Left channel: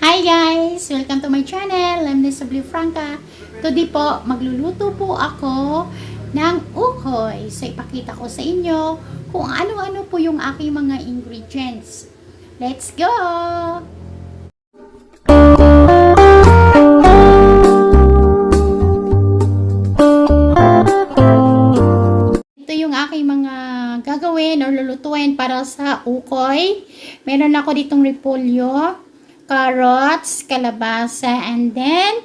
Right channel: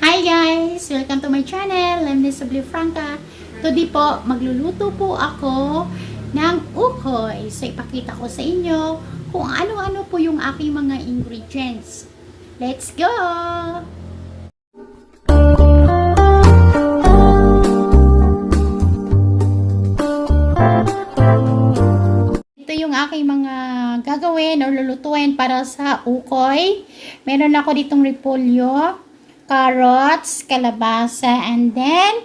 Hi guys! Welcome to my channel. I'm Nessa Blue Franca. Today po, magluluto po ako ng ukoy. So, ipakita ko sa inyo kung ano-ano po yung aking mga ingredients. Let's go! Ito yung aking mga gagawin or lulutuin para sa ukoy. Meron ako ditong repolyo, carrots, kalabasa, and then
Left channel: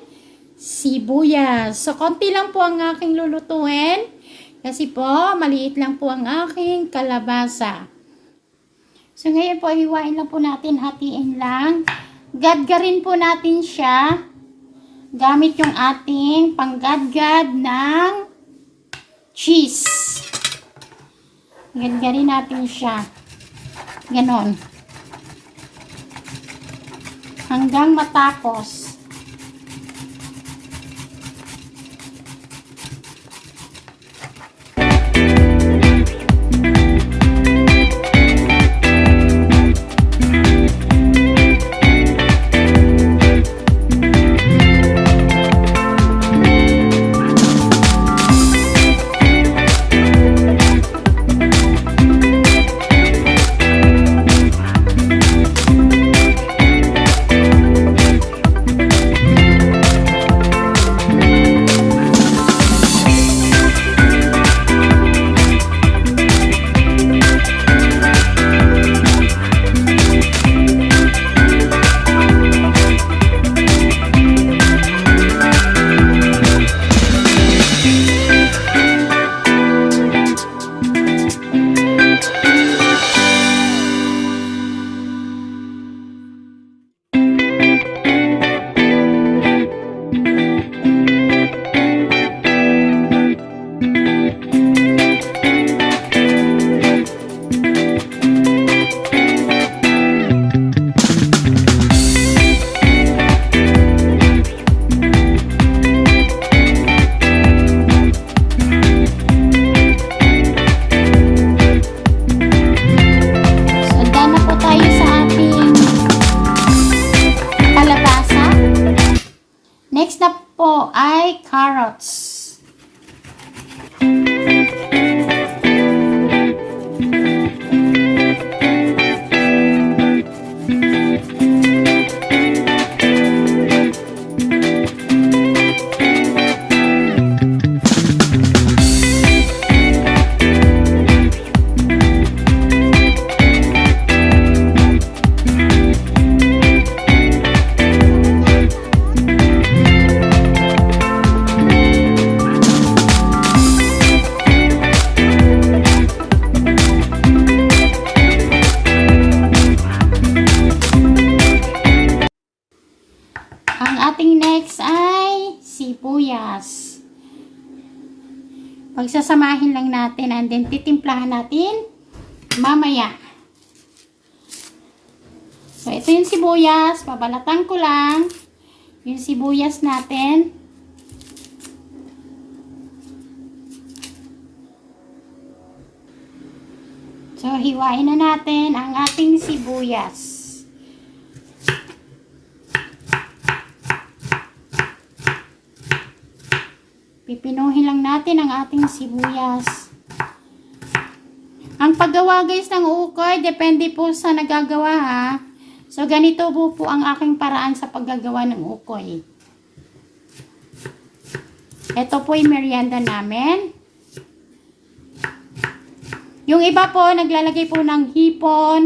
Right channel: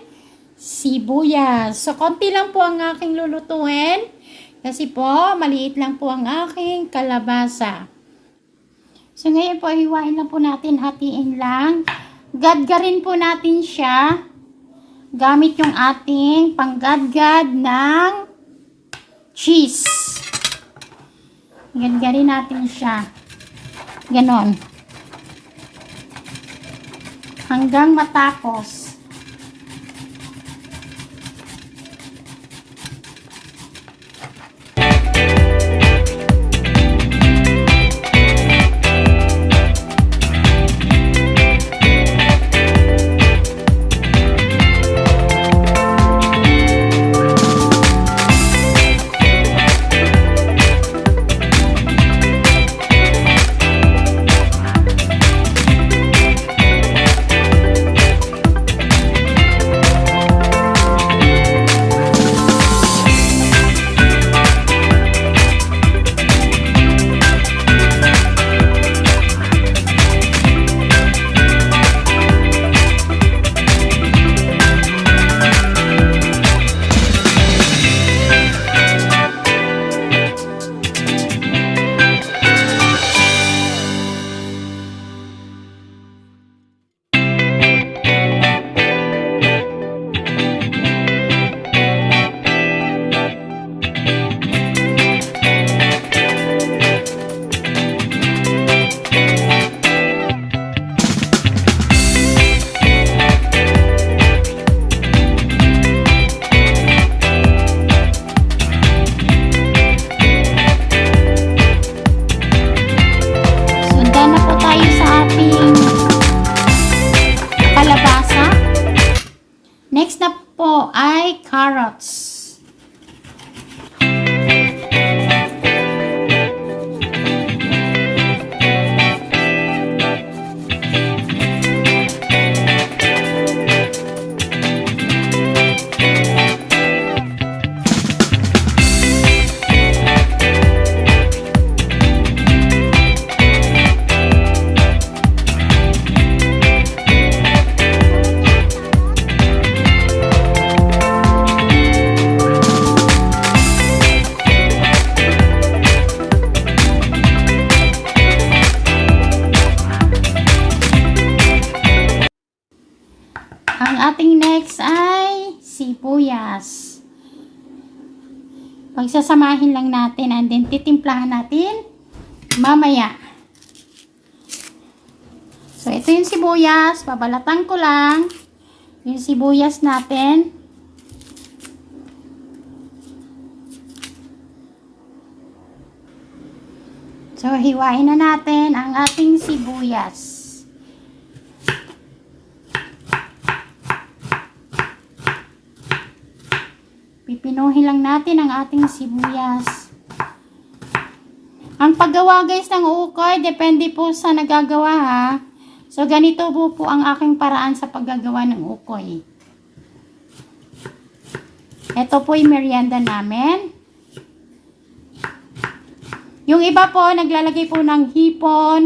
sibuyas. So, konti lang po ang aking lulutuin. Kasi po, maliit lang po ang aking kalabasa. So, ngayon po, hiwain lang po natin, hatiin lang. Gadgarin po natin siya. Gamit yung ating panggadgad ng cheese. Gadgarin natin siya. Ganon. Hanggang matapos. Next na po ay carrots. Ang ating next ay sibuyas. Pagsasamahin lang natin and then titimplahan natin mamaya. So, ito yung sibuyas. Babalatan ko lang yung sibuyas natin. So, hiwain na natin ang ating sibuyas. Pipinuhin lang natin ang ating sibuyas. Ang paggawa guys ng ukoy, depende po sa nagagawa ha. So ganito po ang aking paraan sa paggagawa ng ukoy. Ito po yung merienda namin. Yung iba po, naglalagay po ng hipon,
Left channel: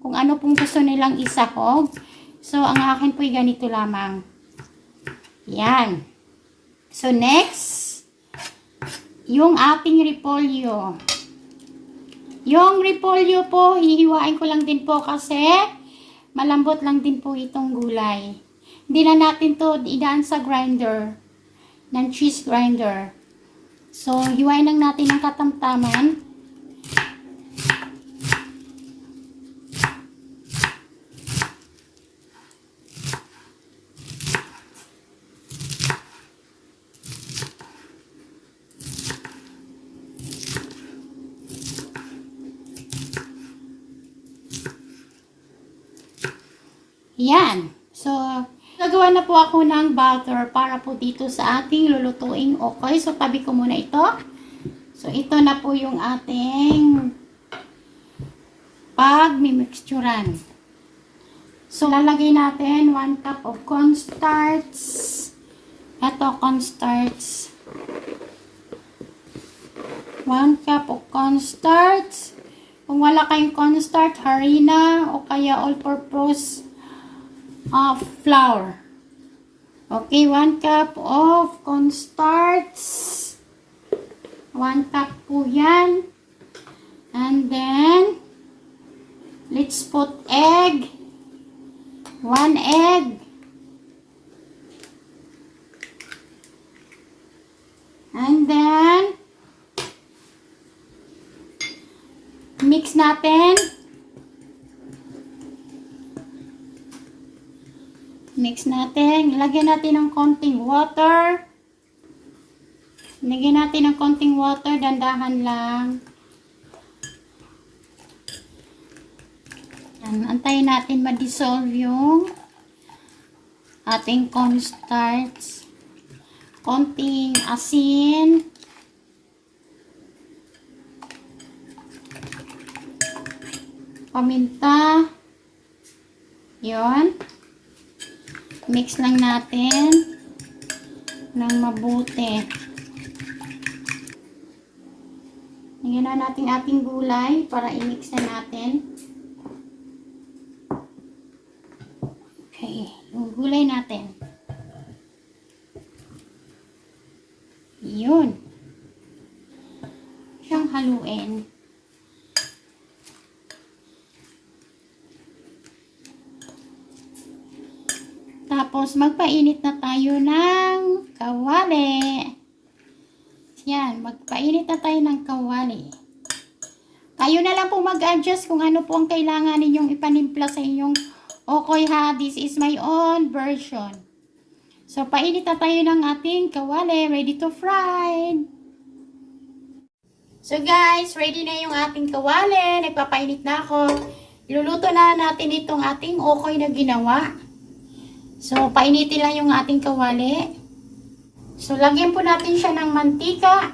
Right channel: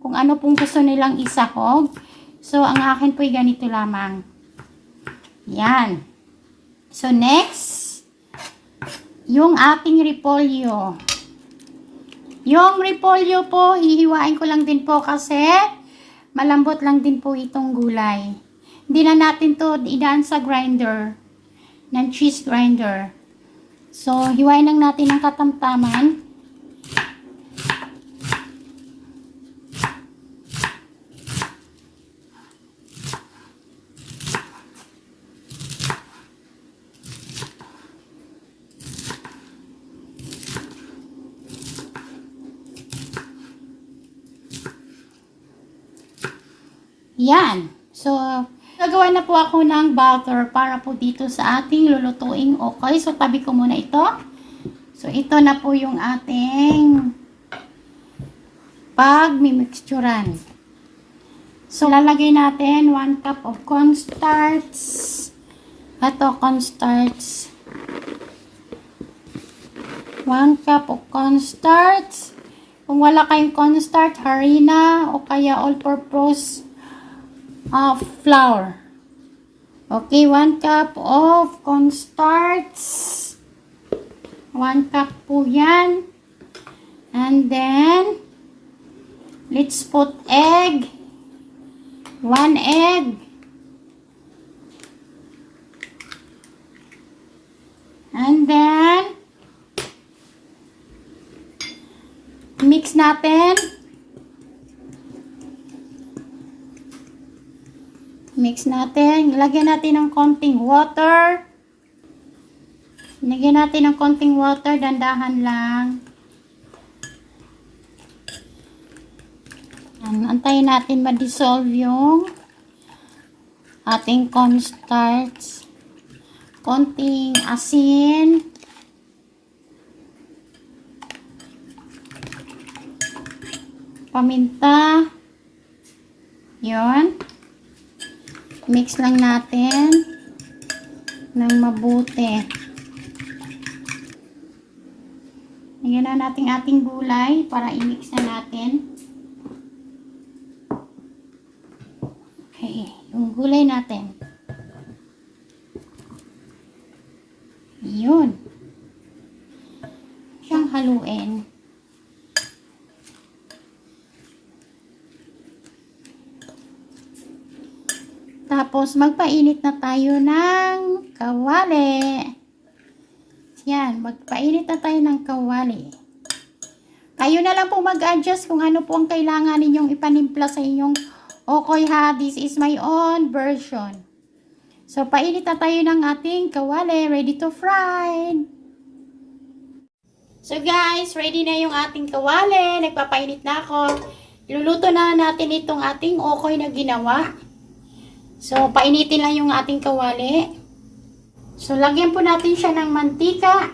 kung ano pong gusto nilang isahog. So ang akin po yung ganito lamang. Yan. So, next, yung ating repolyo. Yung repolyo po, hihiwain ko lang din po kasi malambot lang din po itong gulay. Hindi na natin to idaan sa grinder, ng cheese grinder. So, hiwain lang natin ng katamtaman. Yan. So, gagawa na po ako ng butter para po dito sa ating lulutuing okay. So, tabi ko muna ito. So, ito na po yung ating pag-mimixturan. So, lalagay natin 1 cup of cornstarch. Ito, cornstarch. 1 cup of cornstarch. Kung wala kayong cornstarch, harina o kaya all-purpose flour. Okay, 1 cup of cornstarch. 1 cup po yan. And then, let's put egg. 1 egg. And then, mix natin. Mix natin. Lagyan natin ng konting water. Lagyan natin ng konting water. Dandahan lang. Antayin natin ma-dissolve yung ating cornstarch. Konting asin. Paminta. Yun. Mix lang natin ng mabuti. Lagyan na natin ating gulay para i-mix na natin. Okay, yung gulay natin. Yun. Siyang haluin. Tapos, magpainit na tayo ng kawali. Yan, magpainit na tayo ng kawali. Kayo na lang po mag-adjust kung ano po ang kailangan ninyong ipanimpla sa inyong okay ha. This is my own version. So, painit na tayo ng ating kawali. Ready to fry. So, guys, ready na yung ating kawali. Nagpapainit na ako. Iluluto na natin itong ating okay na ginawa. So, painitin lang yung ating kawali. So, lagyan po natin siya ng mantika.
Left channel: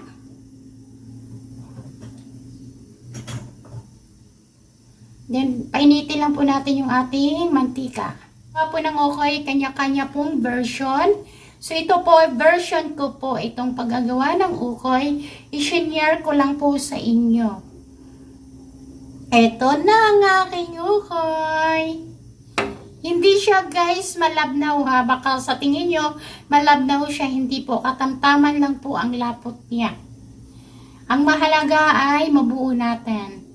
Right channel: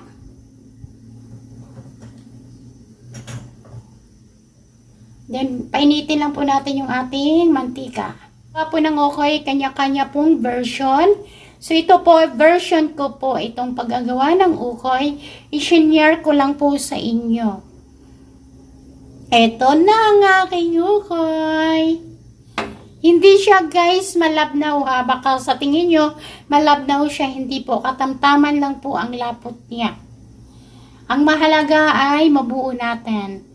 Then, painitin lang po natin yung ating mantika. Po ng okay, kanya-kanya pong version. So, ito po, version ko po, itong paggagawa ng ukoy, i-share ko lang po sa inyo. Ito na ang aking ukoy. Hindi siya guys malabnaw ha. Baka sa tingin nyo malabnaw siya. Hindi po. Katamtaman lang po ang lapot niya. Ang mahalaga ay mabuo natin.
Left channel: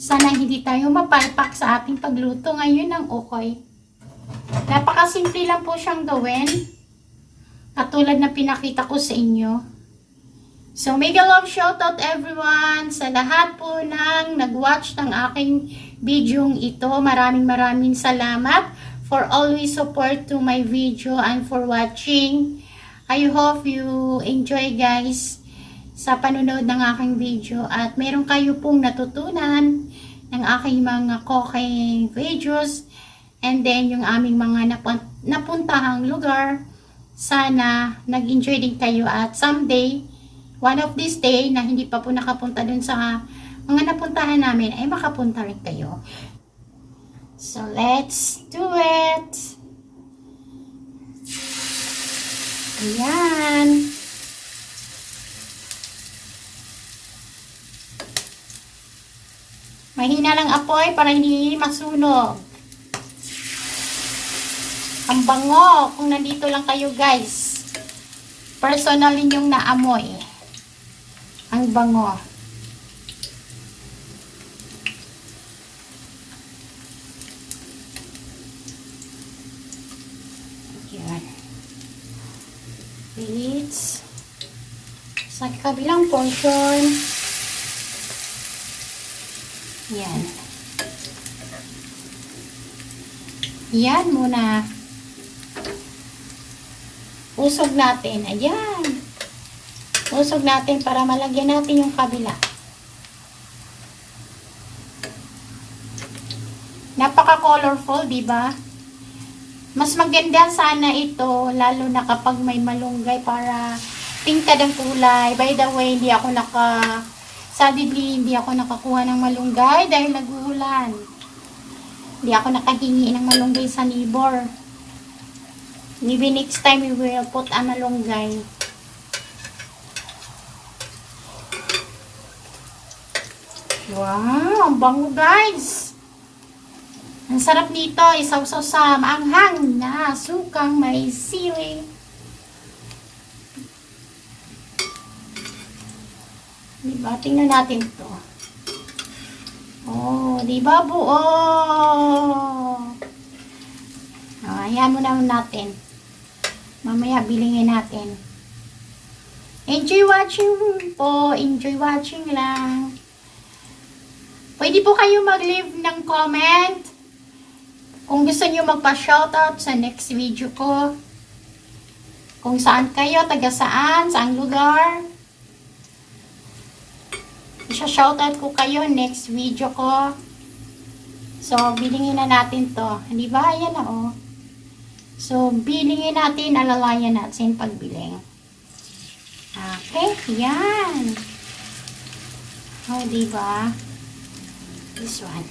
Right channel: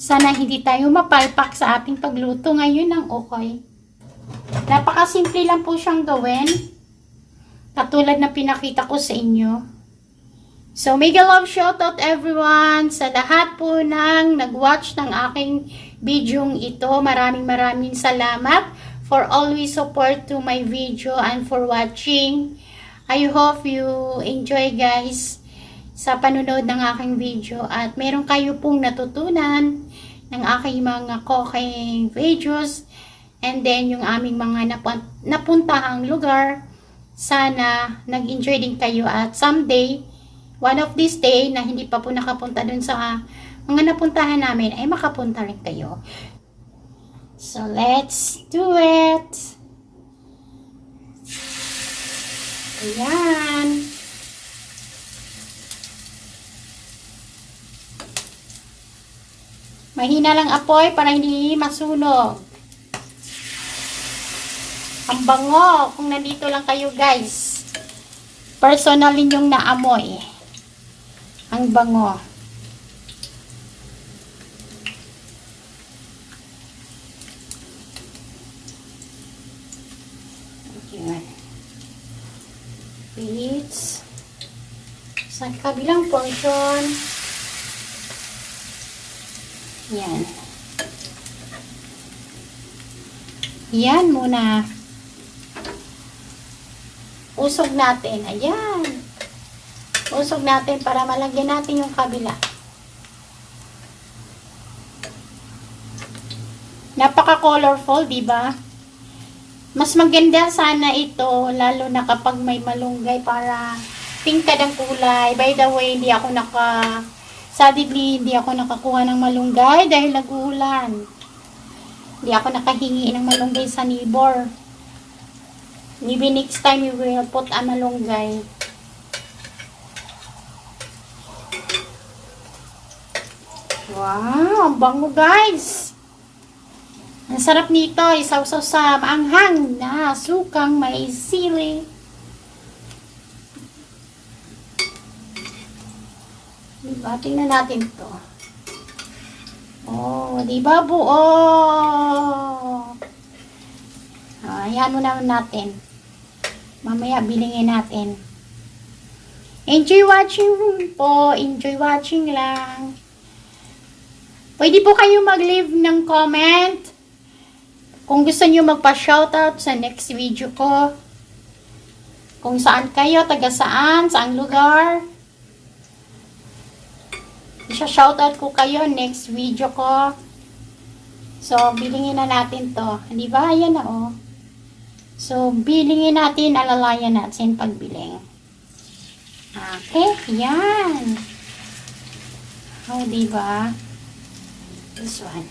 Sana hindi tayo mapalpak sa ating pagluto ngayon ng ukoy. Napakasimple lang po siyang gawin. Katulad na pinakita ko sa inyo. So, mega love shoutout everyone sa lahat po ng nag-watch ng aking video ito. Maraming salamat for always support to my video and for watching. I hope you enjoy guys sa panunood ng aking video at meron kayo pong natutunan ng aking mga cooking videos and then yung aming mga napuntahang lugar. Sana nag-enjoy din kayo at someday one of this day na hindi pa po nakapunta dun sa mga napuntahan namin ay makapunta rin kayo. So, let's do it! Ayan. Mahina lang apoy para hindi masunog. Ang bango kung nandito lang kayo guys. Personal ninyong naamoy. Ang bango. Ayan. Beets. Sa kabilang portion. Yan. Yan muna. Usog natin. Ayan. Usog natin para malagyan natin yung kabila. Napaka-colorful, di ba? Mas maganda sana ito, lalo na kapag may malunggay para tingkad ang kulay. By the way, sadly, hindi ako nakakuha ng malunggay dahil nag-uulan. Hindi ako nakahingi ng malunggay sa neighbor. Maybe next time we will put a malunggay. Wow, bango guys. Ang sarap nito, isawsaw sa maanghang na sukang may sili. Diba? Tingnan natin ito. Oh, diba buo? Oh, ayan mo naman natin. Mamaya bilingin natin. Enjoy watching po. Enjoy watching lang. Pwede po kayo mag-leave ng comment kung gusto nyo magpa-shoutout sa next video ko. Kung saan kayo, taga saan, saang lugar. Isa-shoutout ko kayo next video ko. So, bilingin na natin to. Hindi ba? Ayan na oh. So, bilingin natin, alalayan natin pagbiling. Okay, yan. Oh, diba? This one.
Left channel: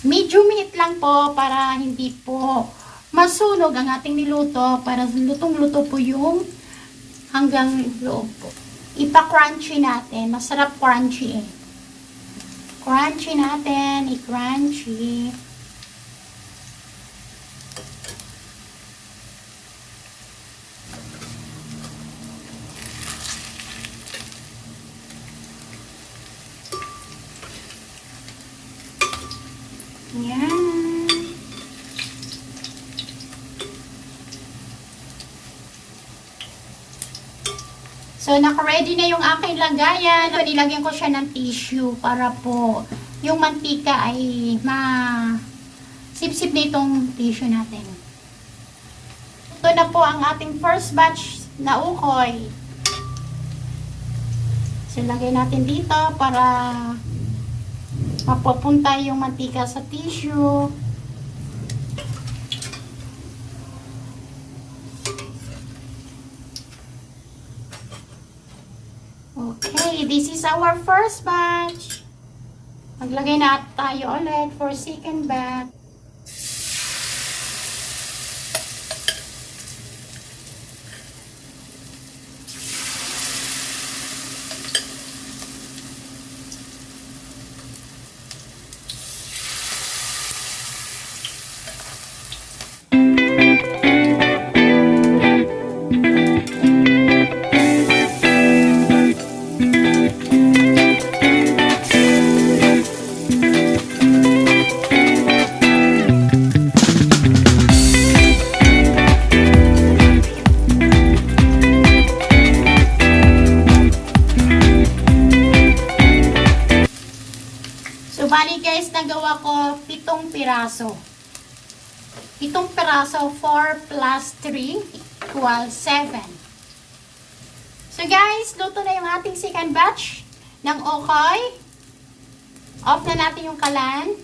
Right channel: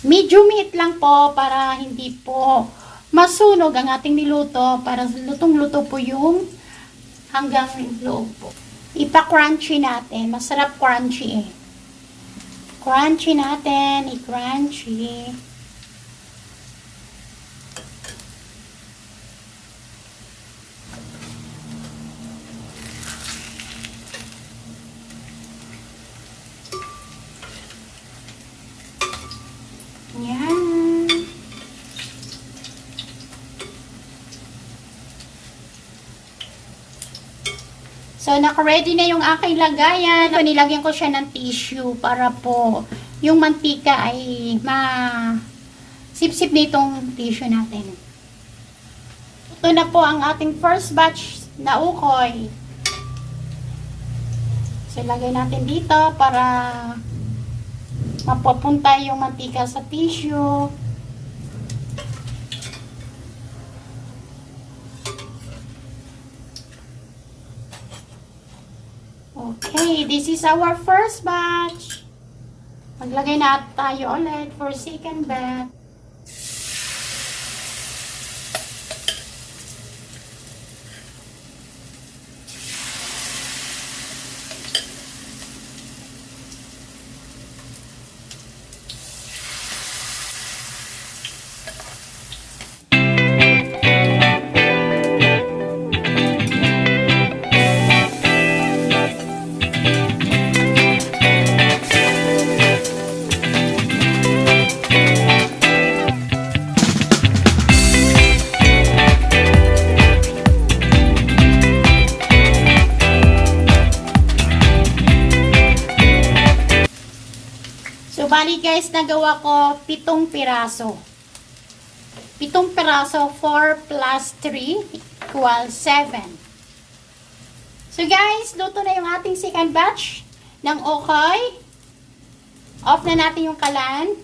Medium heat lang po para hindi po masunog ang ating niluto, para lutong-luto po yung hanggang loob po. Ipa-crunchy natin. Masarap crunchy eh. Crunchy natin. I-crunchy. Yan. So, naka-ready na yung aking lagayan. So, nilagyan ko siya ng tissue para po yung mantika ay sip-sip na itong tissue natin. Ito na po ang ating first batch na ukoy. So, lagay natin dito para mapupunta yung mantika sa tissue. Okay, this is our first batch. Maglagay na tayo ulit for second batch. Bali guys, nagawa ko 7 piraso. 7 piraso, 4 plus 3 equals 7. So guys, luto na yung ating second batch ng okoy. Off na natin yung kalan.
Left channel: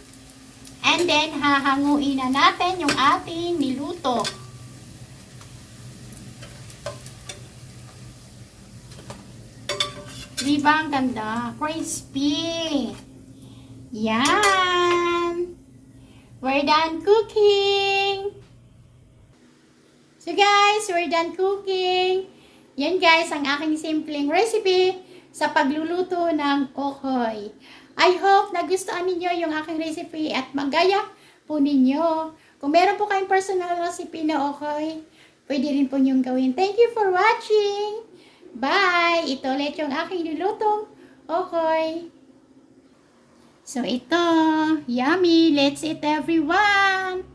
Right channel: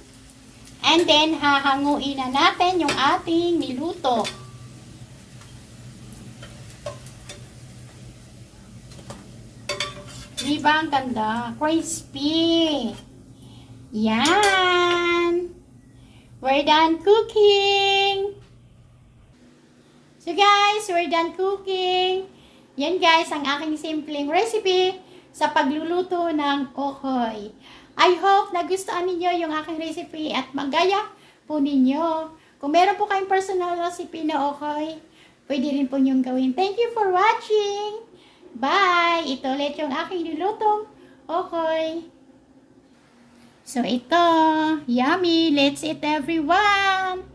And then, hahanguin na natin yung ating niluto. Diba ang ganda? Crispy! Yan! We're done cooking! So guys, we're done cooking. Yan guys, ang aking simpleng recipe sa pagluluto ng okoy. I hope nagustuhan ninyo yung aking recipe at magaya po ninyo. Kung meron po kayong personal recipe na okoy, pwede rin po nyong gawin. Thank you for watching! Bye! Ito ulit yung aking nilutong okoy. So, ito. Yummy. Let's eat everyone.